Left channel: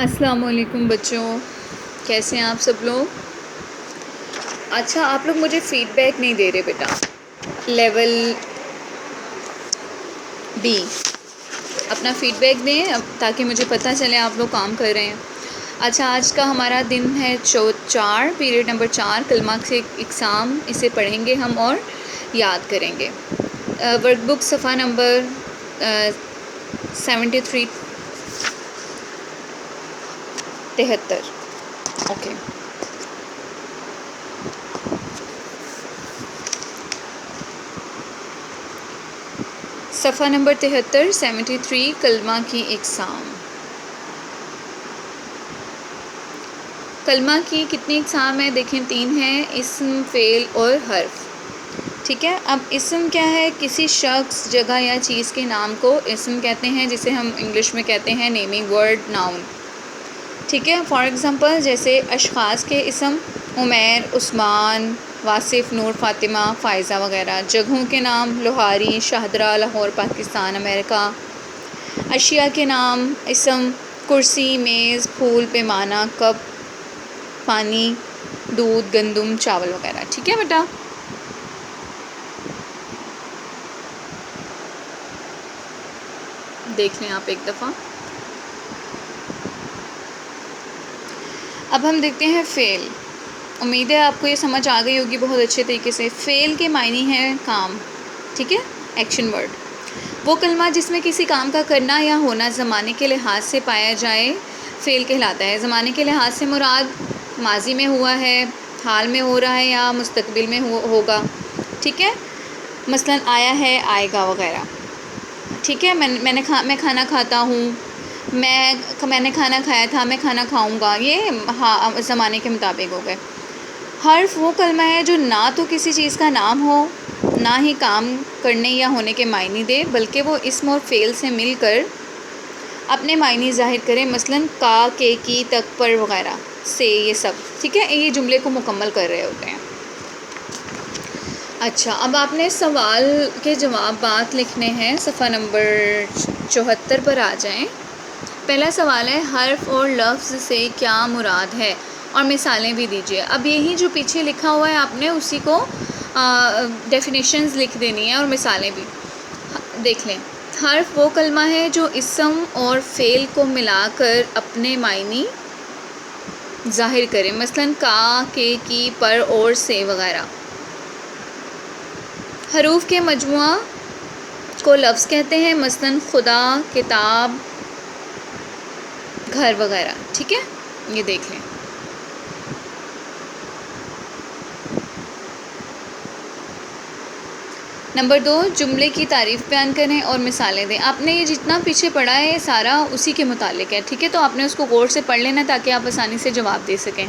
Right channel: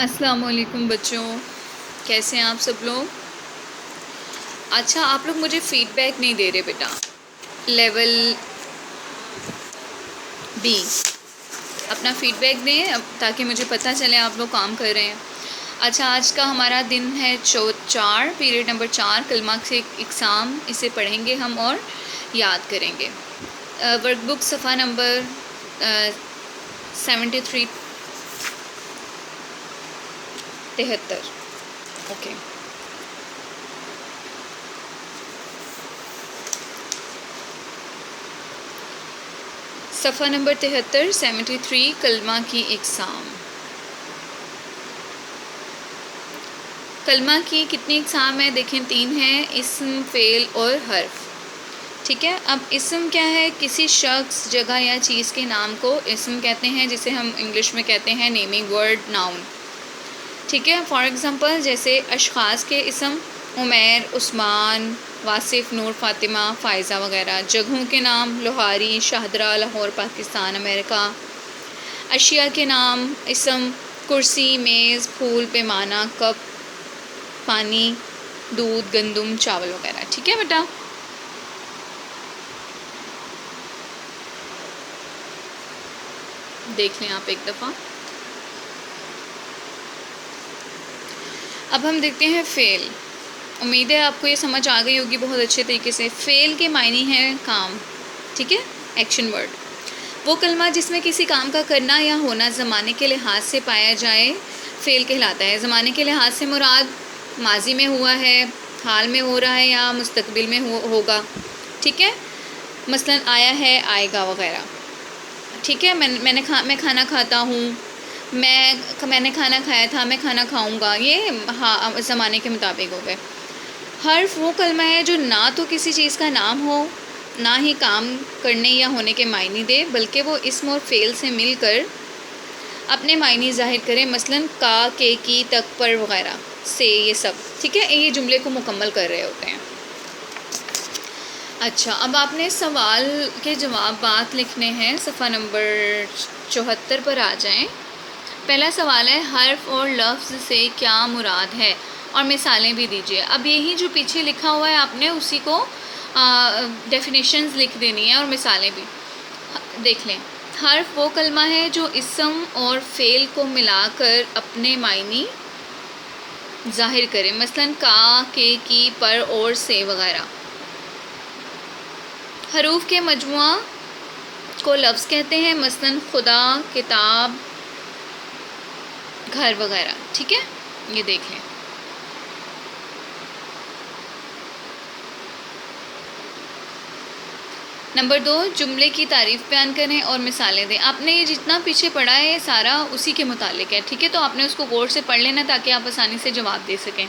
السلام علیکم بچوں، کیسے ہیں آپ سب لوگ؟ اچھا، آپ لوگ مجھے فیڈ بیک نہیں دے رہے بیٹا۔ لیول بی اپنا فیڈ بیک دیں تاکہ مجھے پتہ چلے آپ لوگ کام کر رہے ہیں۔ اچھا، آج کا ہمارا دن ہے 4 پیریڈ نمبر 4 کلمہ سے اقسام، اسے پڑھیں گے ہم اور یاد کریں گے۔ ورک بک صفحہ نمبر 73 اوکے۔ صفحہ نمبر 73 کلمہ کی اقسام۔ کلمہ کی کتنی اقسام ہیں؟ دیکھیں 3 ہیں، اسم، فعل اور حرف۔ ٹھیک ہے، اب اسم کیا ہے؟ کسی شخص، جگہ یا چیز کے نام کو اسم کہتے ہیں، جسے ہم انگلش میں کہتے ہیں نیمنگ ورڈ، ناؤن۔ ٹھیک ہے، فار ایگزامپل جیسے اشخاص کے اسم عمیر، عثمان، واصف، نور، فاطمہ، فائزہ وغیرہ۔ جگہوں کے نام لوہاری، شاہدرہ، لاہور پاکستان امریکہ۔ اشیاء کے نام اسم کرسی، میز، پھول، پیمانہ، کپ، پانی، دودھ، گندم، چاول وغیرہ۔ ٹھیک ہے بیٹا، دیکھ لیں آپ ایک دفعہ۔ اب ہم دیکھتے ہیں فعل۔ امید ہے آپ کو یہ سمجھ آ گئی ہوگی بہت اچھے طریقے سے۔ فعل کے معنی ہے کام، ٹھیک ہے، ایکشن ورڈ۔ وہ کلمہ جس میں کسی کام کا کرنا یا ہونا زمانے کے لحاظ سے پایا جائے فعل کہلاتا ہے۔ زمانے کے لحاظ سے مراد ماضی میں ہوا ہے، حال میں ہو رہا ہے یا مستقبل میں ہوگا۔ ٹھیک ہے، مثلاً آیا ہے، آئے گا وغیرہ۔ ٹھیک ہے، میں کھانا کھاتا ہوں، میں نے کھانا کھایا تھا، میں کھانا کھاؤں گا، یہ زمانے کے مطابق ہو گئے۔ حرف وہ کلمہ ہے جو نہ تو کسی چیز کا نام ہو، نہ ہی کام کرنے یا ہونے کے معنی دے، بلکہ وہ اسم اور فعل سے مل کر اپنے معنی ظاہر کرے، مثلاً کا، کے، کی، تک، پر وغیرہ سے، یہ سب۔ ٹھیک ہے، یہ جملے کو مکمل کر رہے ہوتے ہیں۔ اچھا، اب آپ نے سوال کے جوابات لکھنے ہیں، صفحہ نمبر 74 پر آ جائیں۔ پہلا سوال ہے، حرف اور لفظ سے کیا مراد ہے؟ اور مثالیں بھی دیجیے۔ اب یہی جو پیچھے لکھا ہوا ہے آپ نے اسی کو ڈیفینیشنز لکھ دینی ہے اور مثالیں بھی۔ دیکھ لیں، حرف وہ کلمہ ہے جو اسم اور فعل کو ملا کر اپنے معنی ظاہر کرے، مثلاً کا، کے، کی، پر، اور، سے وغیرہ۔ حروف کے مجموعہ کو لفظ کہتے ہیں، مثلاً خدا، کتاب، گھر وغیرہ۔ ٹھیک ہے، یہ دیکھ لیں۔ نمبر 2، جملے کی تعریف بیان کریں اور مثالیں دیں۔ آپ نے یہ جتنا پیچھے پڑھا ہے یہ سارا اسی کے متعلق ہے، ٹھیک ہے، تو آپ نے اس کو غور سے پڑھ لینا تاکہ آپ آسانی سے جواب دے سکیں۔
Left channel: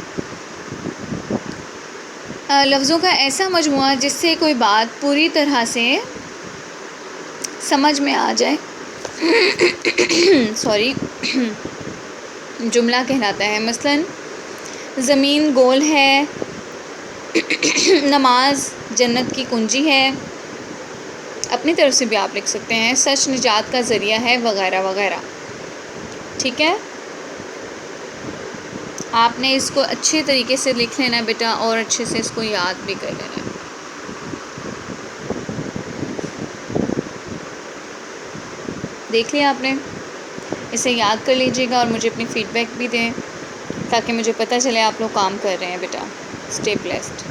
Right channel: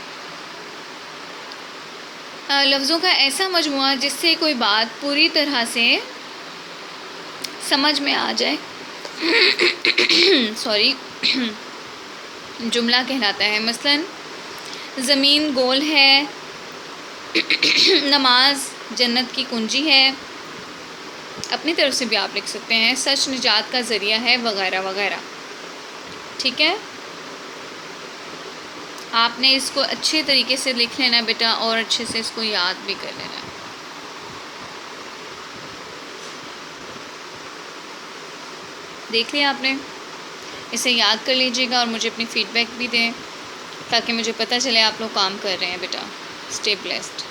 لفظوں کا ایسا مجموعہ جس سے کوئی بات پوری طرح سے سمجھ میں آ جائے جملہ کہلاتا ہے، مثلاً زمین گول ہے، نماز جنت کی کنجی ہے۔ اپنی طرف سے بھی آپ لکھ سکتے ہیں، سچ نجات کا ذریعہ ہے، وغیرہ وغیرہ۔ ٹھیک ہے، آپ نے اس کو اچھے طریقے سے لکھ لینا بیٹا اور اچھے سے اس کو یاد بھی کر لینا۔ دیکھ لیا آپ نے، اسے یاد کر لیجیے گا اور مجھے اپنی فیڈ بیک بھی دیں تاکہ مجھے پتہ چلے آپ لوگ کام کر رہے ہیں بیٹا۔ Stay blessed.